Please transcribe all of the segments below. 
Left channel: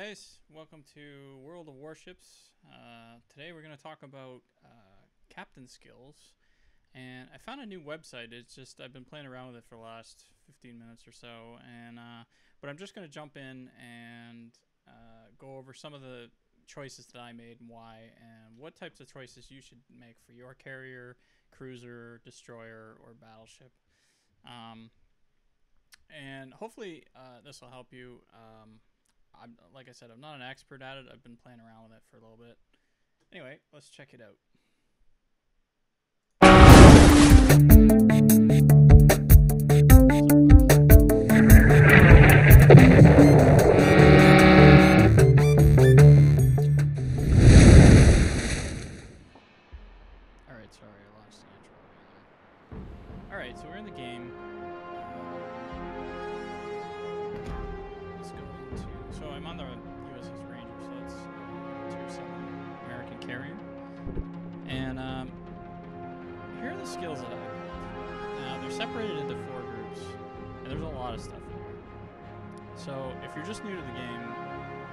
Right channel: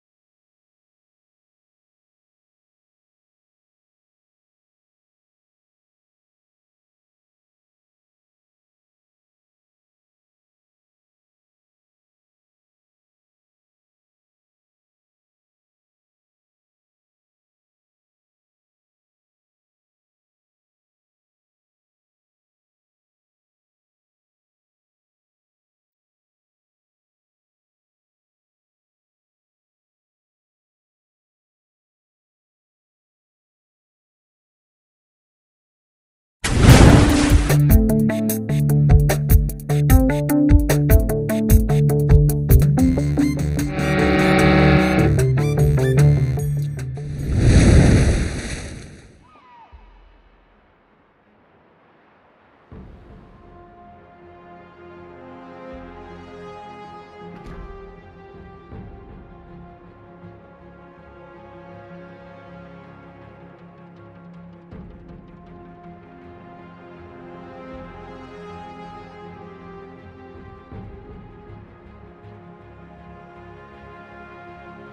guys, welcome to World of Warships. Today we're going to talk about captain skills, and I found a new website. It's just I've been playing around with it for the last 15 minutes or so, and but I'm just going to jump in and go over some of the choices that I made and why, and what types of choices you should make for your carrier, cruiser, destroyer, or battleship. And hopefully this will help you. Like I said, I'm not an expert at it. I've been playing around with it for a little bit. Anyway, let's check it out. Alright, so we're in the game. So I'm on the USS Ranger, so that's Tier 7 American carrier. And here are the skills that I have. Now, they're separated into 4 groups, and there's a lot of stuff. So if you're just new to the game,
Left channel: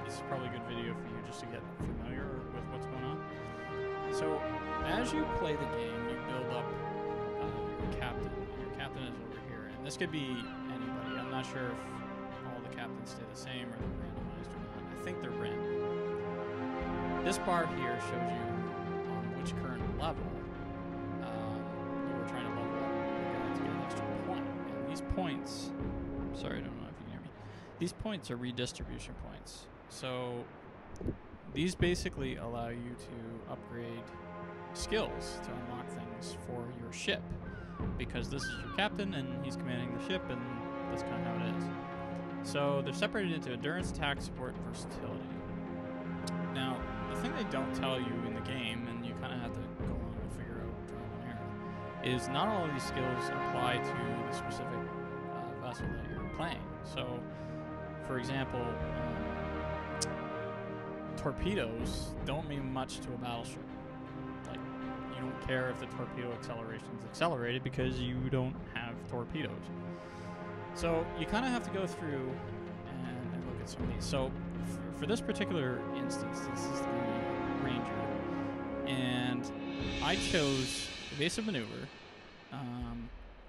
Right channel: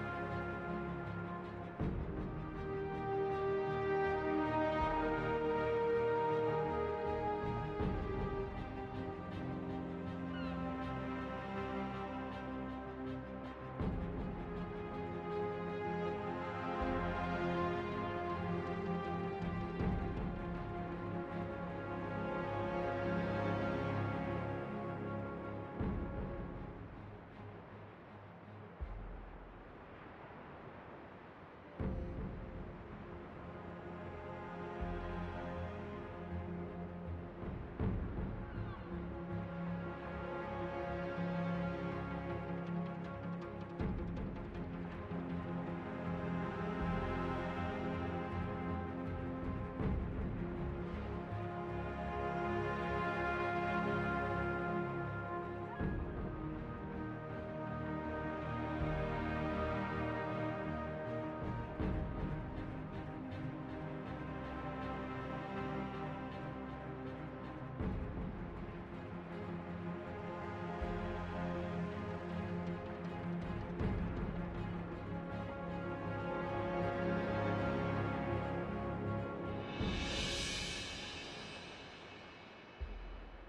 this is probably a good video for you just to get familiar with what's going on. So as you play the game, you build up your captain. Your captain is over here. And this could be anybody. I'm not sure if all the captains stay the same or randomized. I think they're random. This bar here shows you which current level we're trying to level up your guy to get an extra point. And these points, sorry, I don't know if you can hear me. These points are redistribution points. So these basically allow you to upgrade skills to unlock things for your ship, because this is your captain and he's commanding the ship, and that's kind of how it is. So they're separated into endurance, attack, support, and versatility. Now, the thing they don't tell you in the game, and you kind of have to go and figure out here, is not all of these skills apply to the specific vessel that you're playing. So, for example, torpedoes don't mean much to a battleship. Like, you don't care if the torpedo acceleration is accelerated because you don't have torpedoes. So you kind of have to go through and look at some of these. So for this particular instance, this is the Ranger, and I chose evasive maneuver,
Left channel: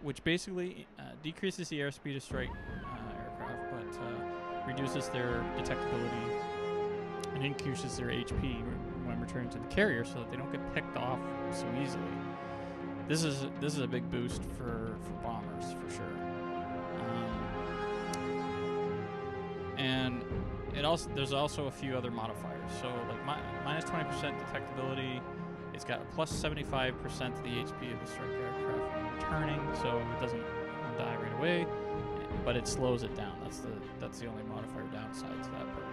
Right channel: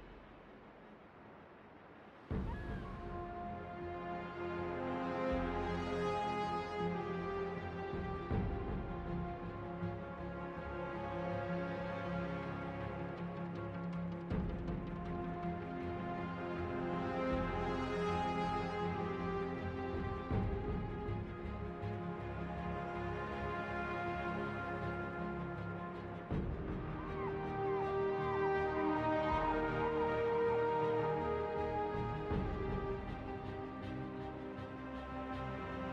which basically decreases the airspeed of strike aircraft, but reduces their detectability and increases their HP when returning to the carrier, so that they don't get picked off so easily. This is a big boost for bombers for sure. And there's also a few other modifiers. So like minus 20% detectability. It's got plus 75% of the HP of the strike aircraft when returning, so it doesn't die right away, but it slows it down. That's the only modifier downside to that perk.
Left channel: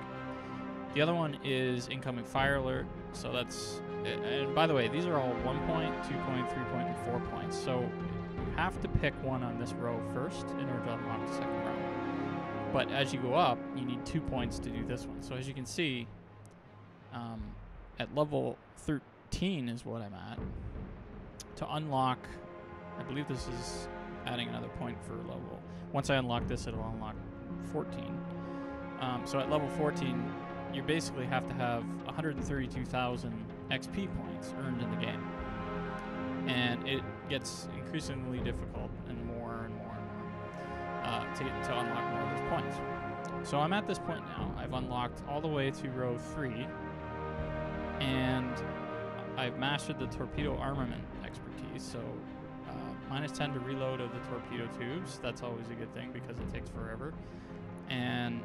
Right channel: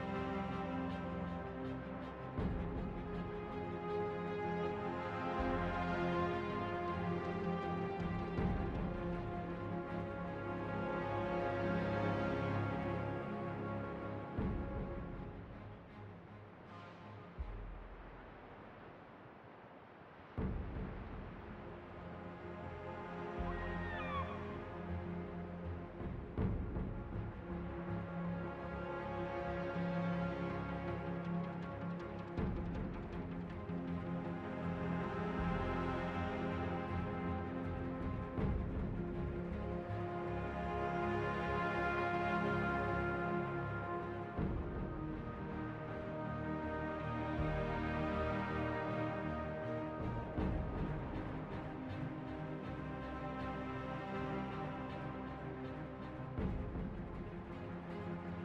The other one is incoming fire alert. So that's, and by the way, these are all 1 point, 2 point, 3 point, and 4 points. So you have to pick one on this row first in order to unlock the second row. But as you go up, you need 2 points to do this one. So as you can see, at level 13 is what I'm at. To unlock, I believe this is adding another point for level. Once I unlock this, it'll unlock 14. So at level 14, you basically have to have 132,000 XP points earned in the game. And it gets increasingly difficult and more to unlock more of those points. So I'm at this point now. I've unlocked all the way to row 3, and I've mastered the torpedo armament expertise. So minus 10 to reload of the torpedo tubes. That's always a good thing because it takes forever. And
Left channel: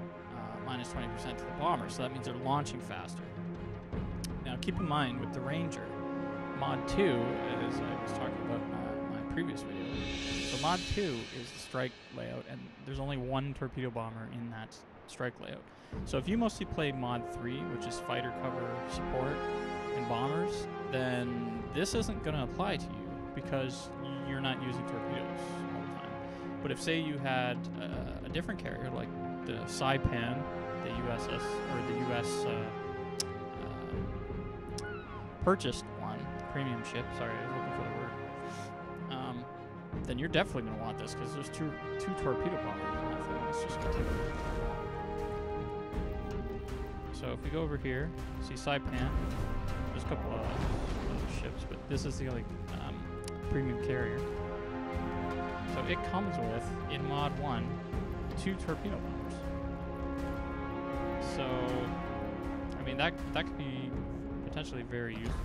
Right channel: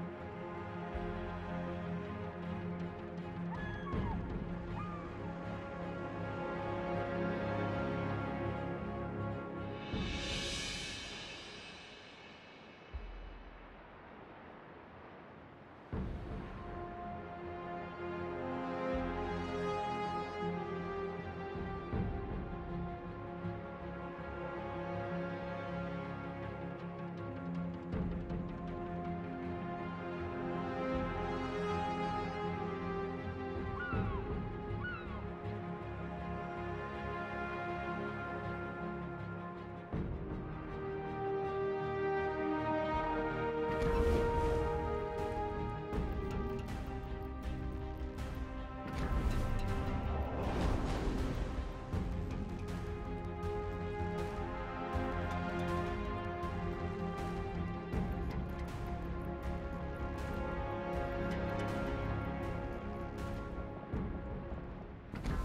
minus 20% to the bomber, so that means they're launching faster. Now keep in mind with the Ranger, mod 2, as I was talking about in my previous video, so mod 2 is the strike layout, and there's only one torpedo bomber in that strike layout. So if you mostly play mod 3, which is fighter cover, support, and bombers, then this isn't going to apply to you because you're not using torpedoes all the time. But if, say, you had a different carrier, like the Saipan, the USS, or the US purchased one, the premium ship, sorry, I was looking for the word, then you're definitely going to want this because there's two torpedo bombers. Let's just go. we go over here, see Saipan. There's a couple of ships, but this is the only premium carrier. So it comes with, in Mod 1, 2 torpedo bombers. So, I mean, that could be potentially very useful.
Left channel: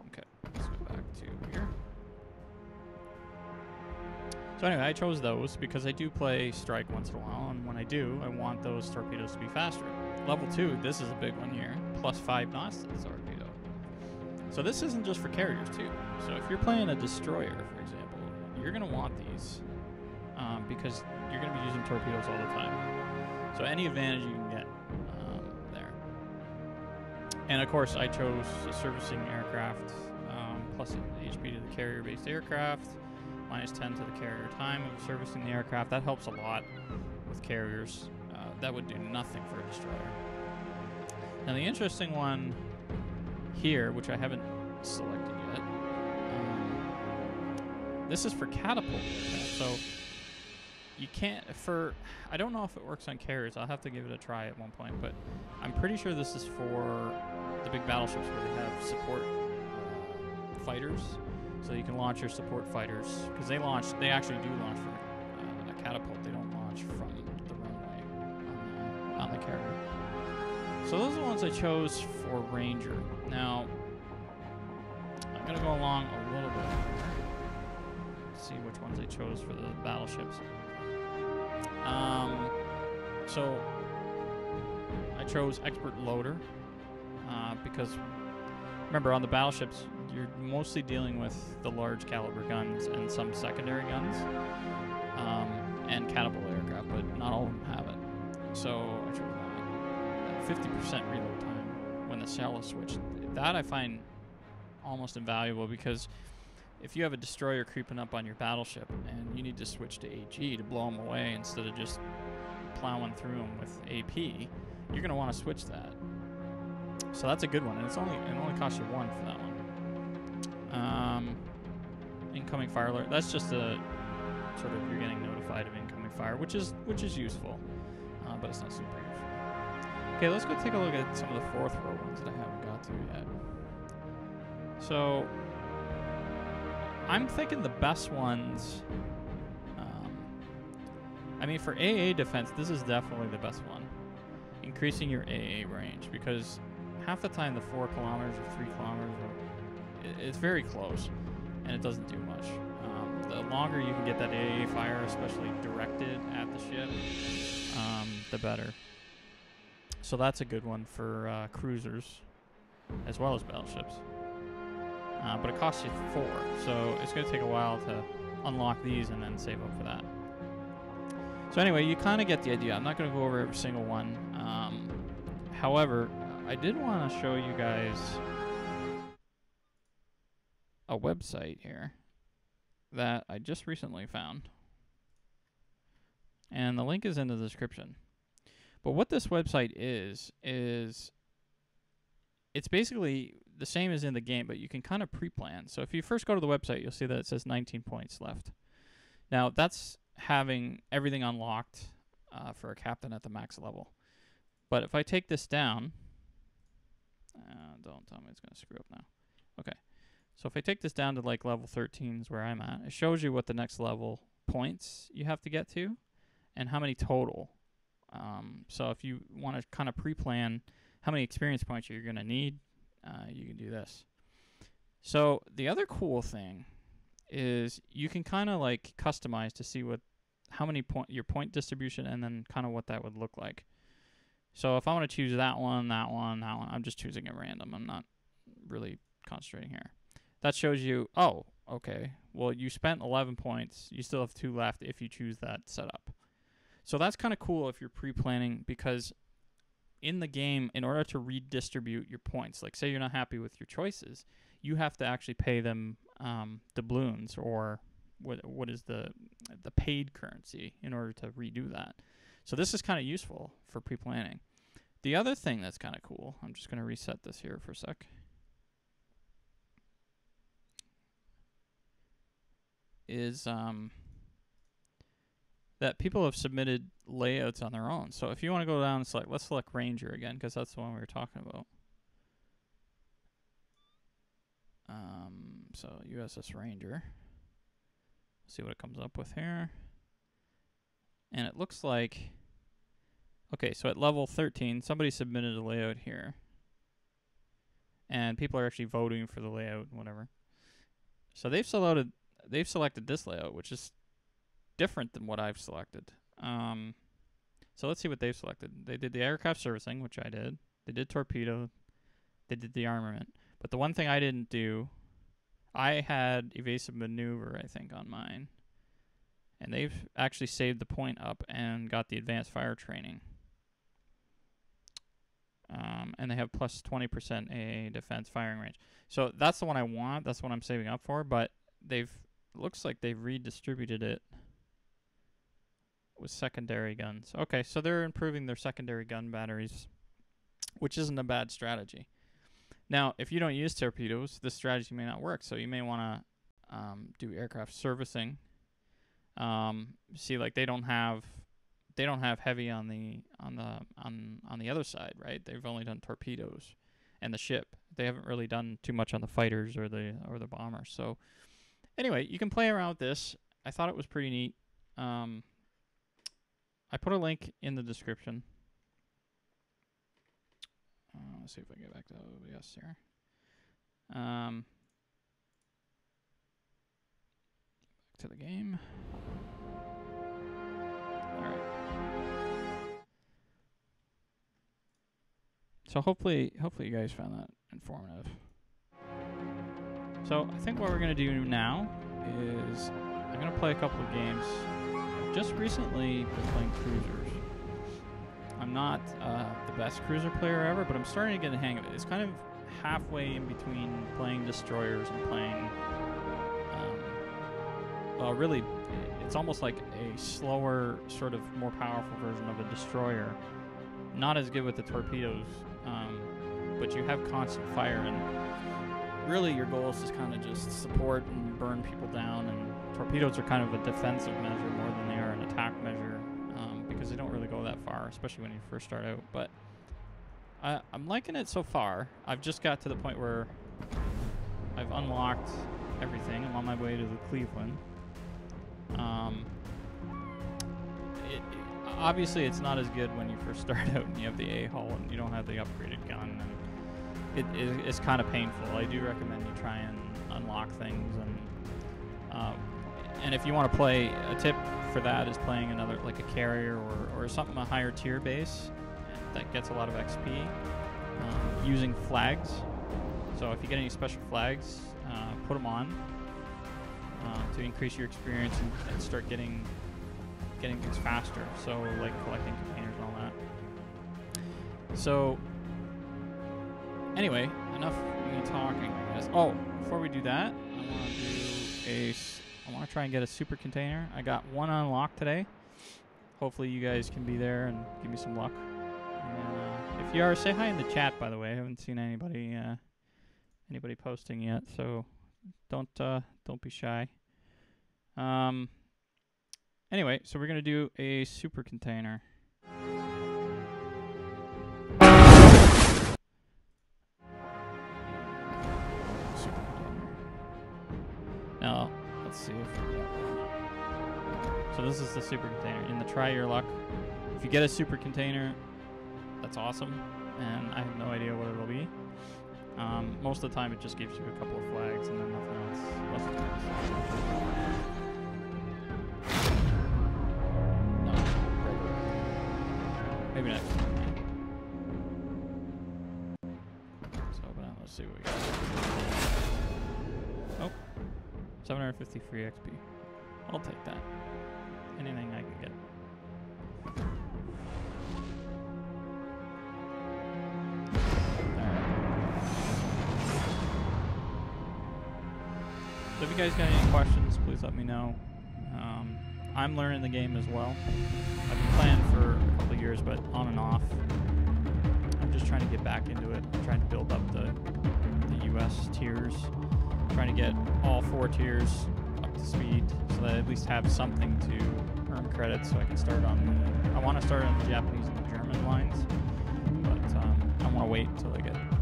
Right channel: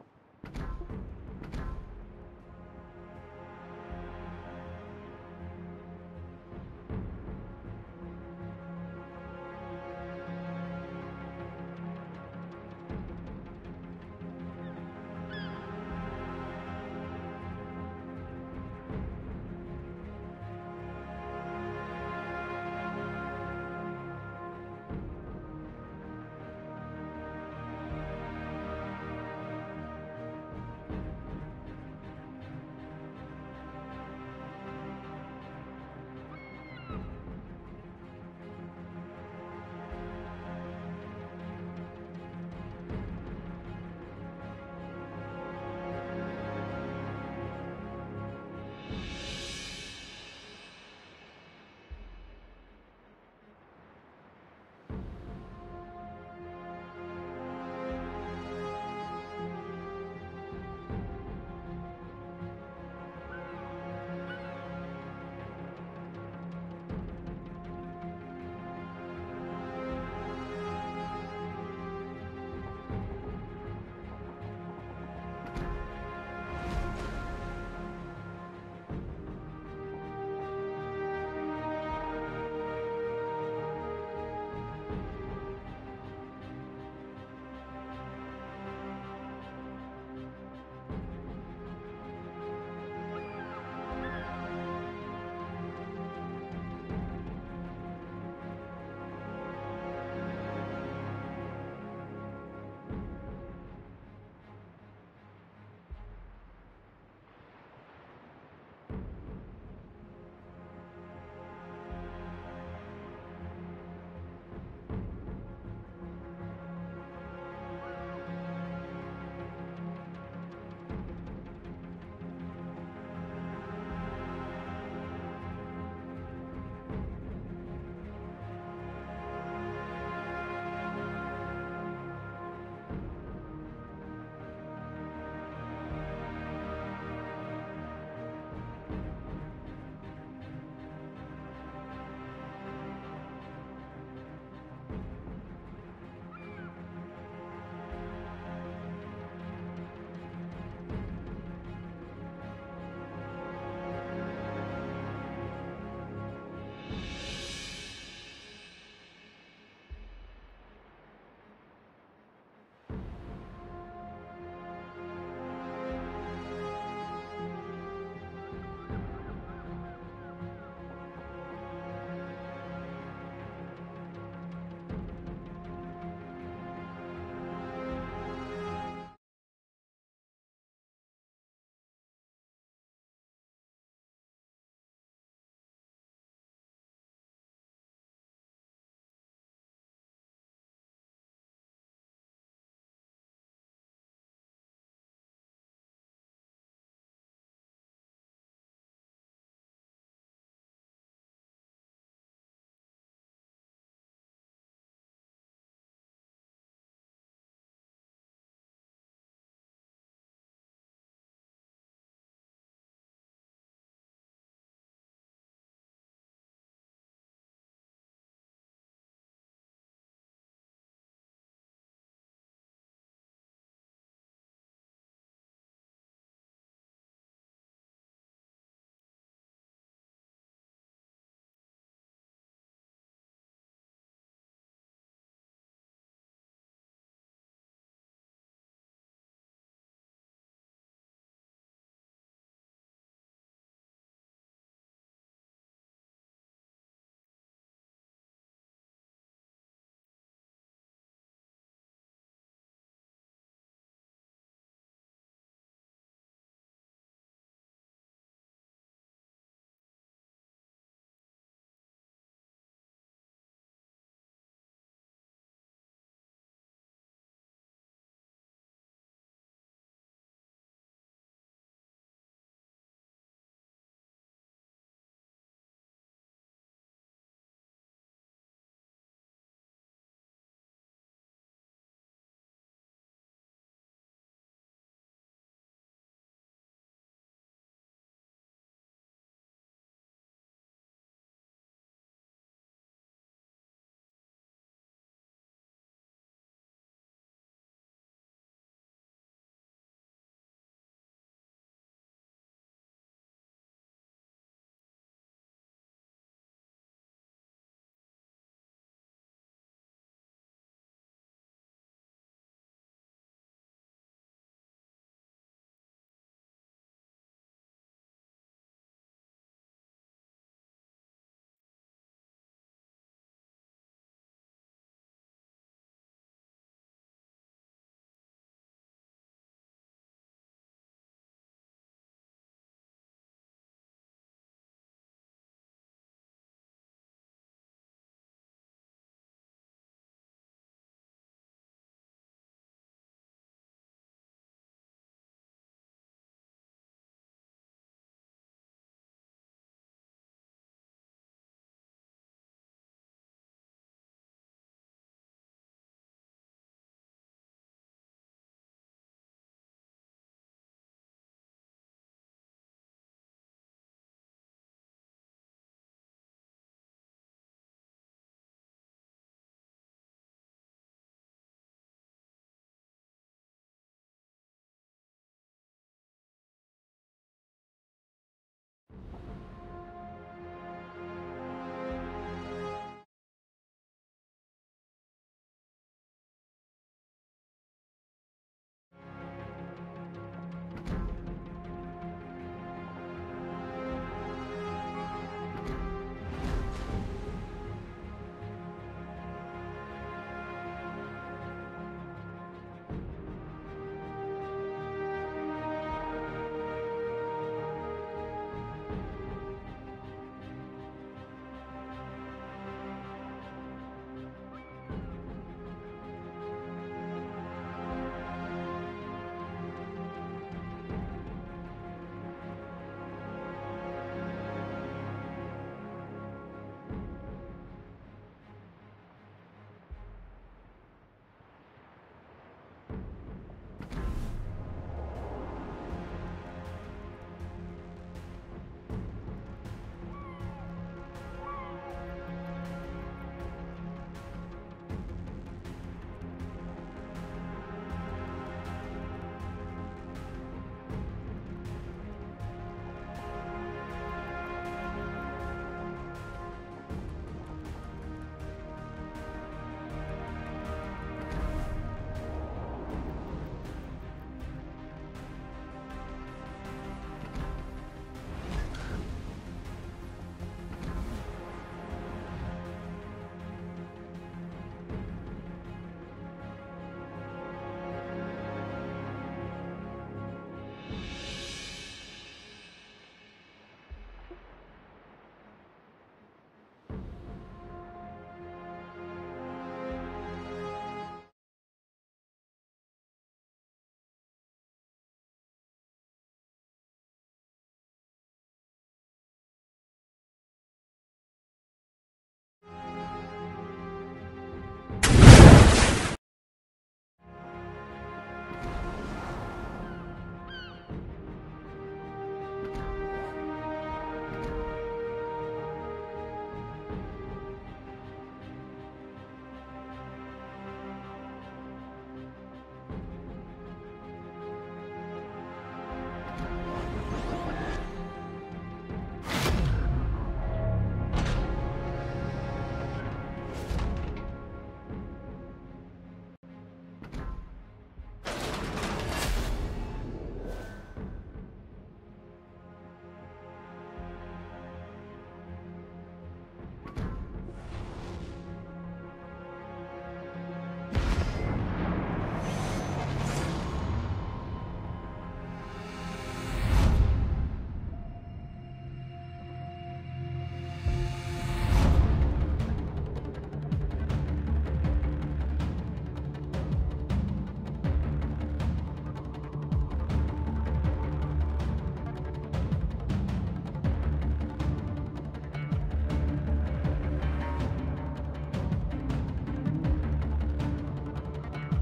Okay, let's go back to here. So anyway, I chose those because I do play Strike once in a while, and when I do, I want those torpedoes to be faster. Level 2, this is a big one here, plus 5 knots to the torpedo. So this isn't just for carriers too. So if you're playing a destroyer, for example, you're going to want these because you're going to be using torpedoes all the time. So any advantage you can get there. And of course, I chose a servicing aircraft, plus HP to the carrier-based aircraft, minus 10 to the carrier time of servicing the aircraft. That helps a lot with carriers. That would do nothing for a destroyer. Now the interesting one here, which I haven't selected yet, this is for catapult. So you can't, I don't know if it works on carriers. I'll have to give it a try at one point, but I'm pretty sure this is for the big battleships where they have support fighters. So you can launch your support fighters, because they actually do launch from a catapult. They don't launch from the runway on the carrier. So those are the ones I chose for Ranger. Now, I'm going to go along a little bit, see which ones I chose for the battleships. So I chose Expert Loader, because remember on the battleships, you're mostly dealing with the large caliber guns and some secondary guns, and catapult aircraft, but not all of them have it. So I chose that. 50% reload time when the shell is switched. That I find almost invaluable, because if you have a destroyer creeping up on your battleship and you need to switch to AG to blow them away instead of just plowing through them with AP, you're going to want to switch that. So that's a good one, and it only costs you 1 for that one. Incoming fire alert. That's just a sort of, you're getting notified of incoming fire, which is useful, but it's not super useful. Okay, let's go take a look at some of the 4th row ones that I haven't got to yet. So I'm thinking the best ones. I mean, for AA defense, this is definitely the best one. Increasing your AA range, because half the time the 4 kilometers or 3 kilometers, it's very close, and it doesn't do much. The longer you can get that AA fire, especially directed at the ship, the better. So that's a good one for cruisers, as well as battleships. But it costs you 4, so it's going to take a while to unlock these and then save up for that. So anyway, you kind of get the idea. I'm not going to go over every single one. However, I did want to show you guys a website here that I just recently found. And the link is in the description. But what this website is it's basically the same as in the game, but you can kind of pre-plan. So if you first go to the website, you'll see that it says 19 points left. Now, that's having everything unlocked for a captain at the max level. But if I take this down, don't tell me it's going to screw up now. Okay. So if I take this down to like level 13 is where I'm at, it shows you what the next level points you have to get to and how many total. So if you want to kind of pre-plan how many experience points you're going to need, you can do this. So the other cool thing is you can kind of like customize to see how many your point distribution, and then kind of what that would look like. So if I want to choose that one, I'm just choosing at random. I'm not really concentrating here. That shows you, oh, okay, well, you spent 11 points. You still have 2 left if you choose that setup. So that's kind of cool if you're pre-planning, because in the game, in order to redistribute your points, like say you're not happy with your choices, you have to actually pay them doubloons, or what is the paid currency, in order to redo that. So this is kind of useful for pre-planning. The other thing that's kind of cool, I'm just going to reset this here for a sec, is that people have submitted layouts on their own. So if you want to go down and select, let's select Ranger again, because that's the one we were talking about. So USS Ranger. See what it comes up with here. And it looks like, okay, so at level 13, somebody submitted a layout here. And people are actually voting for the layout and whatever. So they've selected this layout, which is different than what I've selected. So let's see what they've selected. They did the aircraft servicing, which I did. They did torpedo. They did the armament. But the one thing I didn't do, I had evasive maneuver, I think, on mine. And they've actually saved the point up and got the advanced fire training. And they have plus 20% AA defense firing range. So that's the one I want. That's what I'm saving up for. But looks like they've redistributed it with secondary guns. Okay, so they're improving their secondary gun batteries, which isn't a bad strategy. Now, if you don't use torpedoes, this strategy may not work. So you may want to do aircraft servicing. See, like they don't have heavy on the other side, right? They've only done torpedoes and the ship. They haven't really done too much on the fighters or the bombers. So anyway, you can play around with this. I thought it was pretty neat. I put a link in the description. Let's see if I can get back to OBS here. Back to the game. Alright. So hopefully you guys found that informative. So I think what we're going to do now is I'm going to play a couple of games. Just recently playing cruisers. I'm not the best cruiser player ever, but I'm starting to get the hang of it. It's kind of halfway in between playing destroyers and playing... well, really, it's almost like a slower, sort of more powerful version of a destroyer. Not as good with the torpedoes, but you have constant fire, and really your goal is to kind of just support and burn people down, and torpedoes are kind of a defensive measure more than they are an attack measure, because they don't really go that far, especially when you first start out. But I'm liking it so far. I've just got to the point where I've unlocked everything. I'm on my way to the Cleveland. Obviously, it's not as good when you first start out and you have the A-hull and you don't have the upgraded gun. It's kind of painful. I do recommend you try and unlock things. And if you want to play, a tip for that is playing another, like a carrier or something, a higher tier base that gets a lot of XP, using flags. So if you get any special flags, put them on to increase your experience and start getting things faster. So like collecting containers and all that. So anyway, enough of me talking, I guess. Oh, before we do that, I want to try and get a super container. I got one unlocked today. Hopefully you guys can be there and give me some luck. If you are, say hi in the chat, by the way. I haven't seen anybody posting yet, so don't be shy. Anyway, so we're gonna do a super container. Now, let's see if we get one. So this is the super container. In the try your luck, if you get a super container, that's awesome, and I have no idea what it'll be. Most of the time, it just gives you a couple of flags and then nothing else. Maybe not. Let's open it. Let's see what we got. Oh, 750 free XP. I'll take that. Anything I can get. So if you guys got any questions, please let me know. I'm learning the game as well. I've been playing for a couple of years, but on and off. I'm just trying to get back into it. I'm trying to build up the US tiers. I'm trying to get all 4 tiers up to speed so that I at least have something to earn credits so I can start on. I want to start on the Japanese and the German lines, but I want to wait until I get full.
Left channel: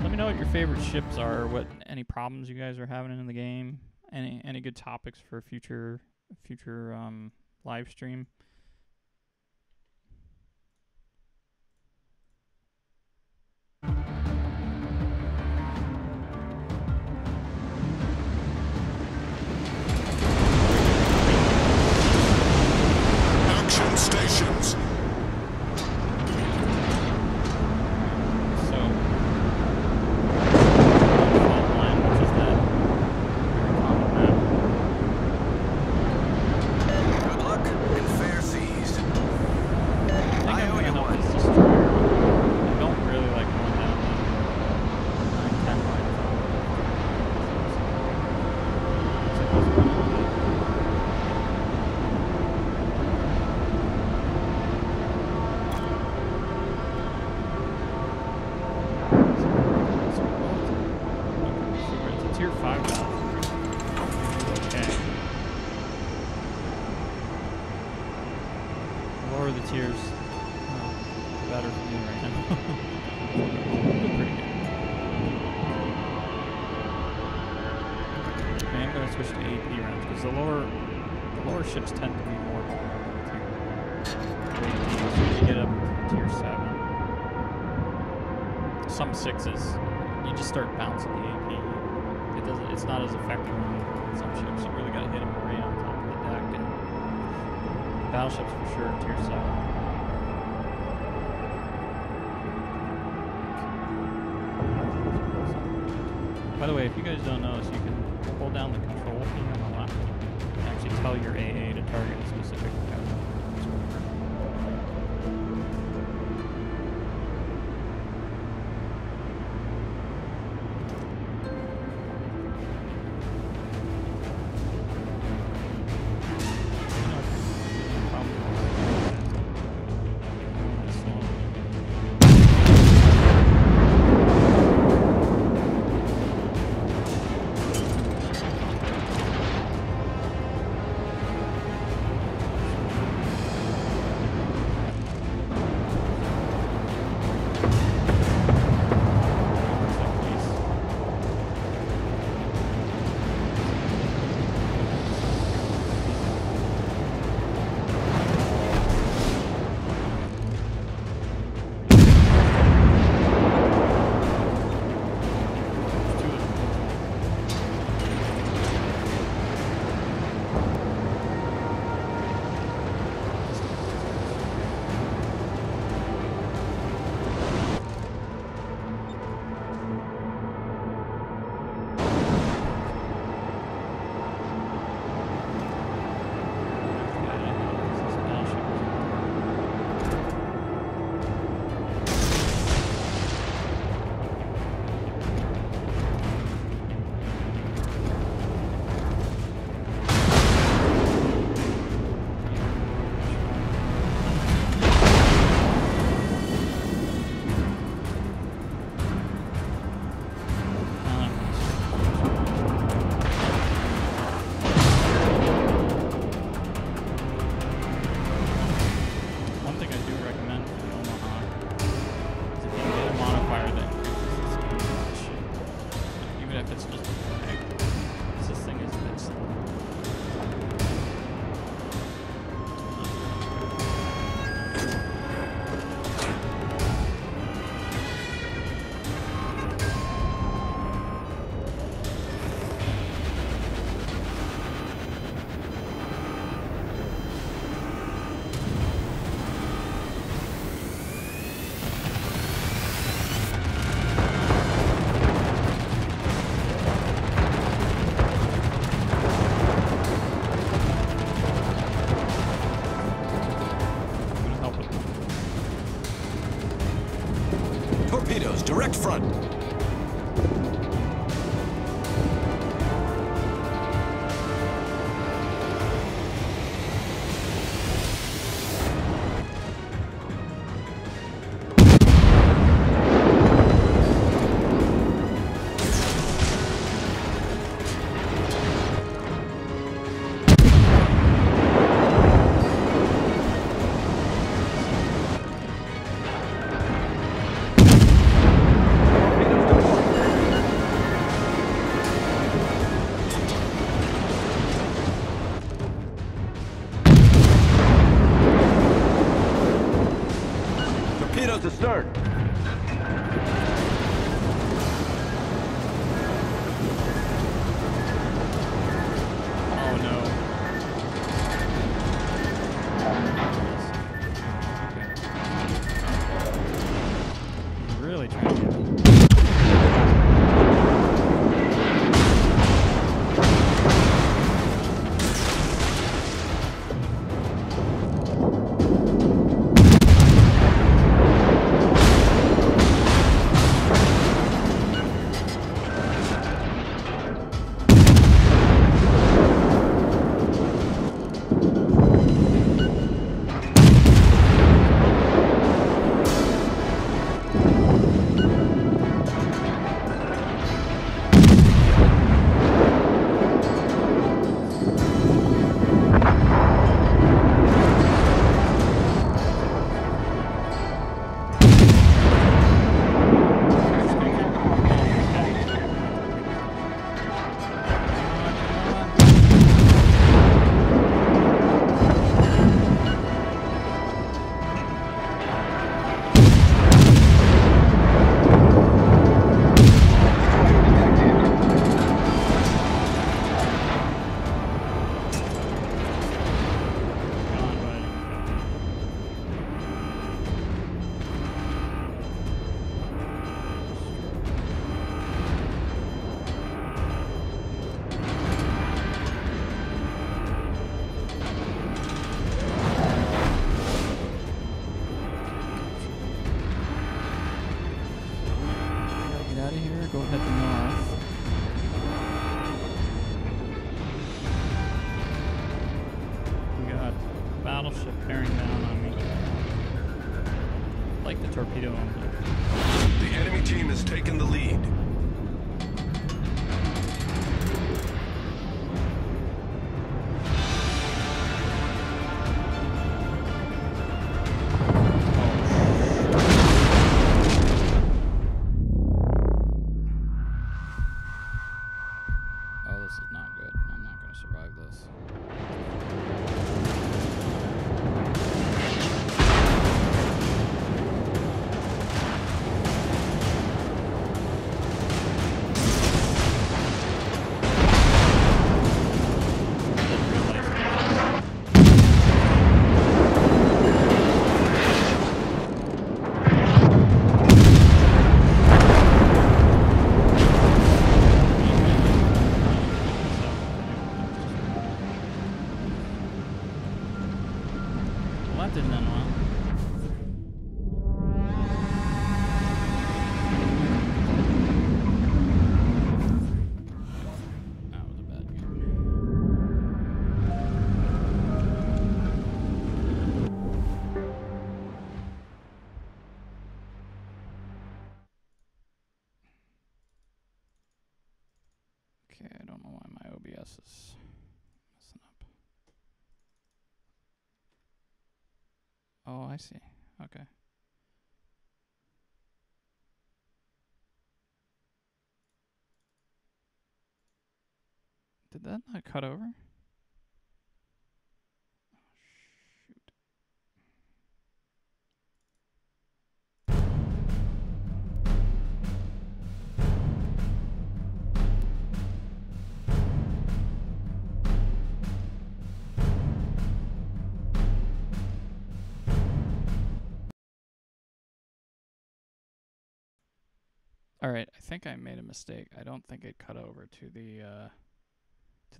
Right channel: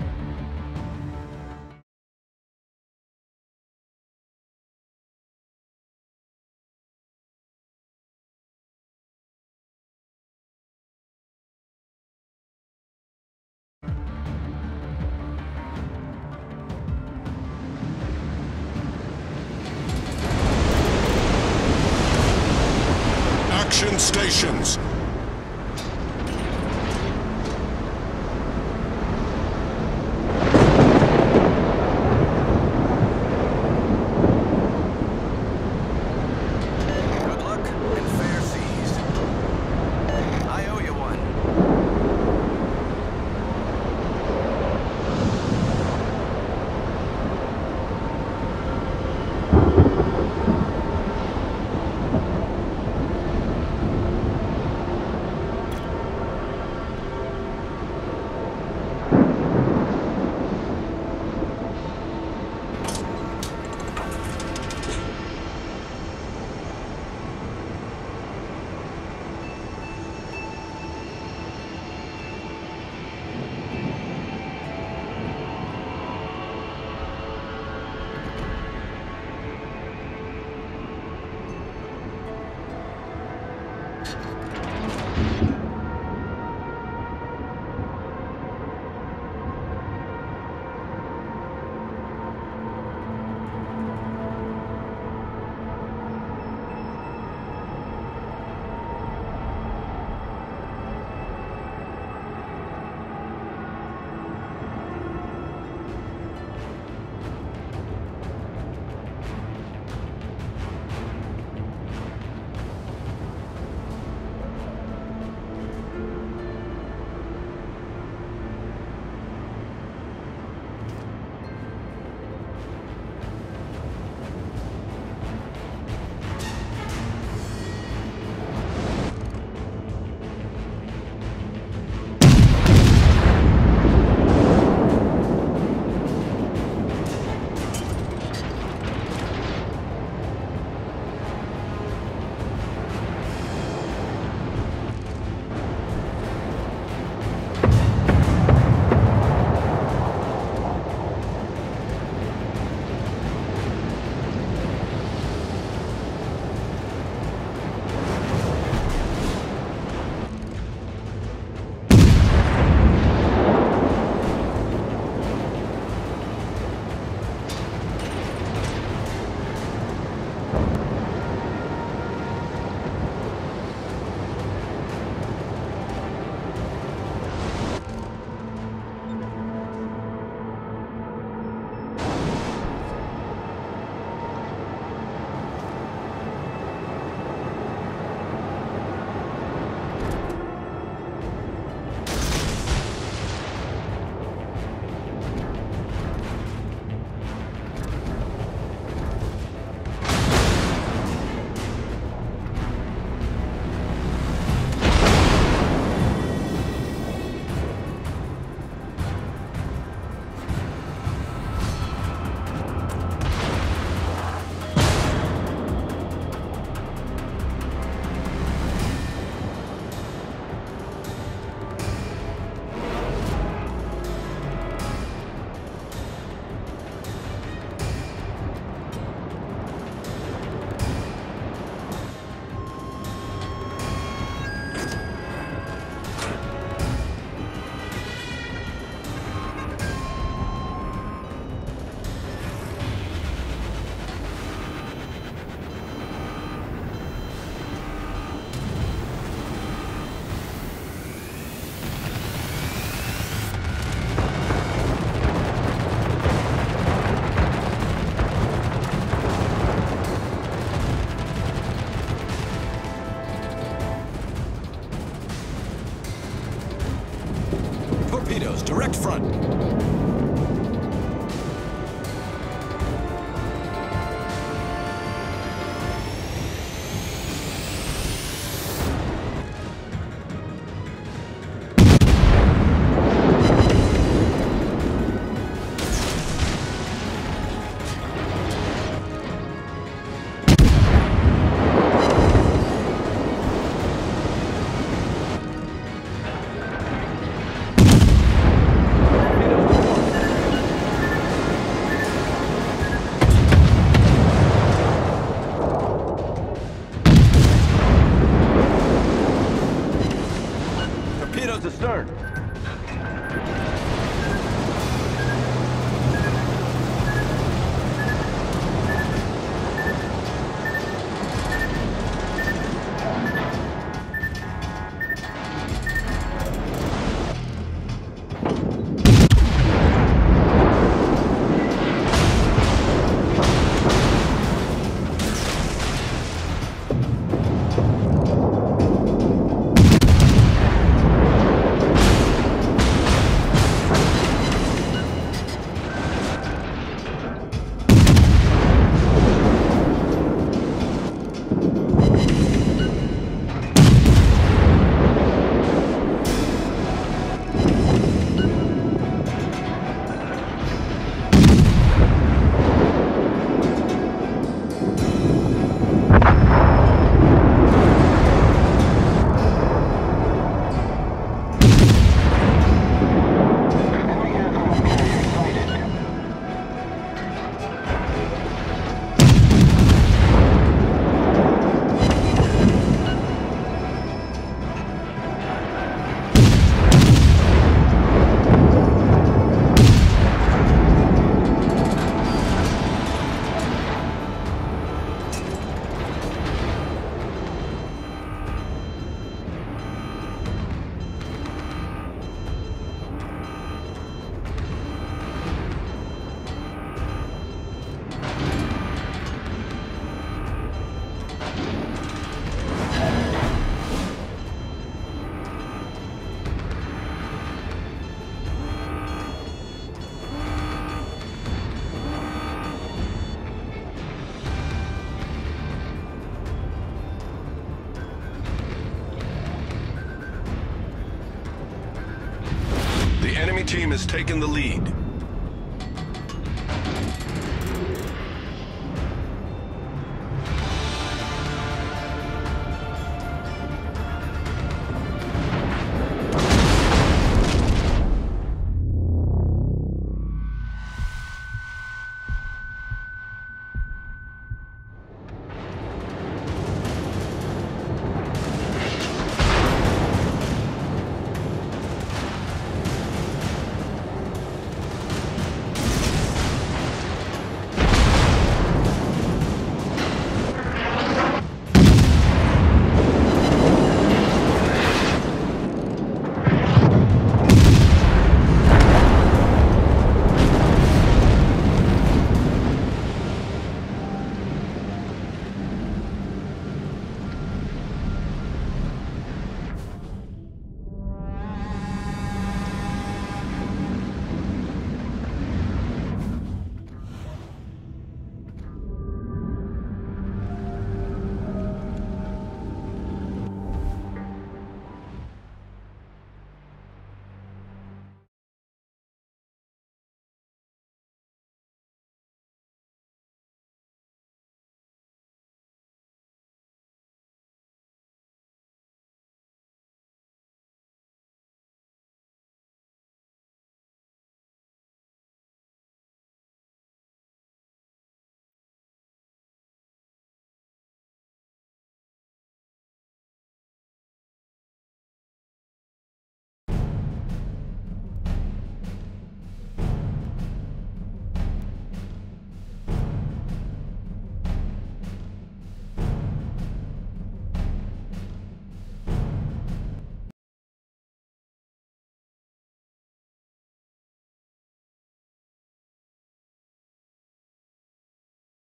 Let me know what your favorite ships are. What any problems you guys are having in the game. Any good topics for future live stream. Action stations. Warships tend to be more tier 7. Some 6s, you just start bouncing the AMP. It's not as effective on some ships. You really gotta hit them right on top of the deck. And battleships for sure, tier 7. By the way, if you guys don't notice, you can hold down the controls and actually tell your AA to target a specific Torpedoes, direct front. taken the lead. Oh, this is not good. I'm not going to survive this. Well, that did not well. That was a bad game. Okay, I don't know why my OBS is messing up. Oh, I see. Okay. Did that not cut over? Shoot. All right, I think I made a mistake. I don't think it cut over to the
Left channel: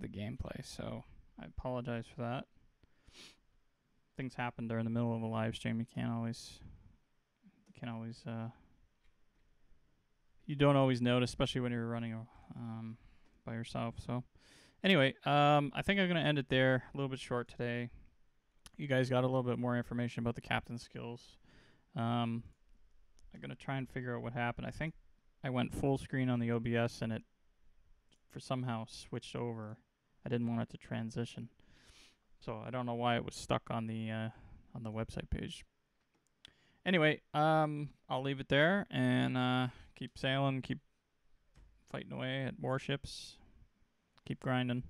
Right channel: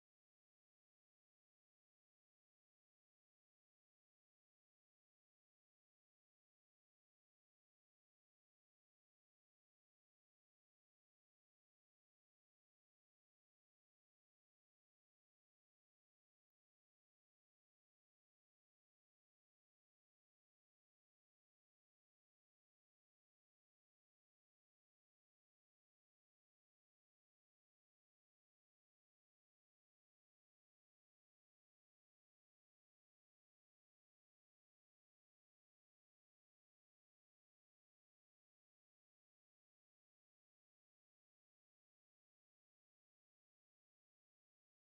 gameplay, so I apologize for that. Things happen during the middle of a live stream. You don't always notice, especially when you're running by yourself. So anyway, I think I'm gonna end it there. A little bit short today. You guys got a little bit more information about the captain skills. I'm gonna try and figure out what happened. I think I went full screen on the OBS and it for somehow switched over. I didn't want it to transition, so I don't know why it was stuck on the website page. Anyway, I'll leave it there and keep sailing, keep fighting away at warships, keep grinding.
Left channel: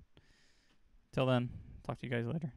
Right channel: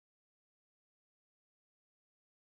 Till then, talk to you guys later.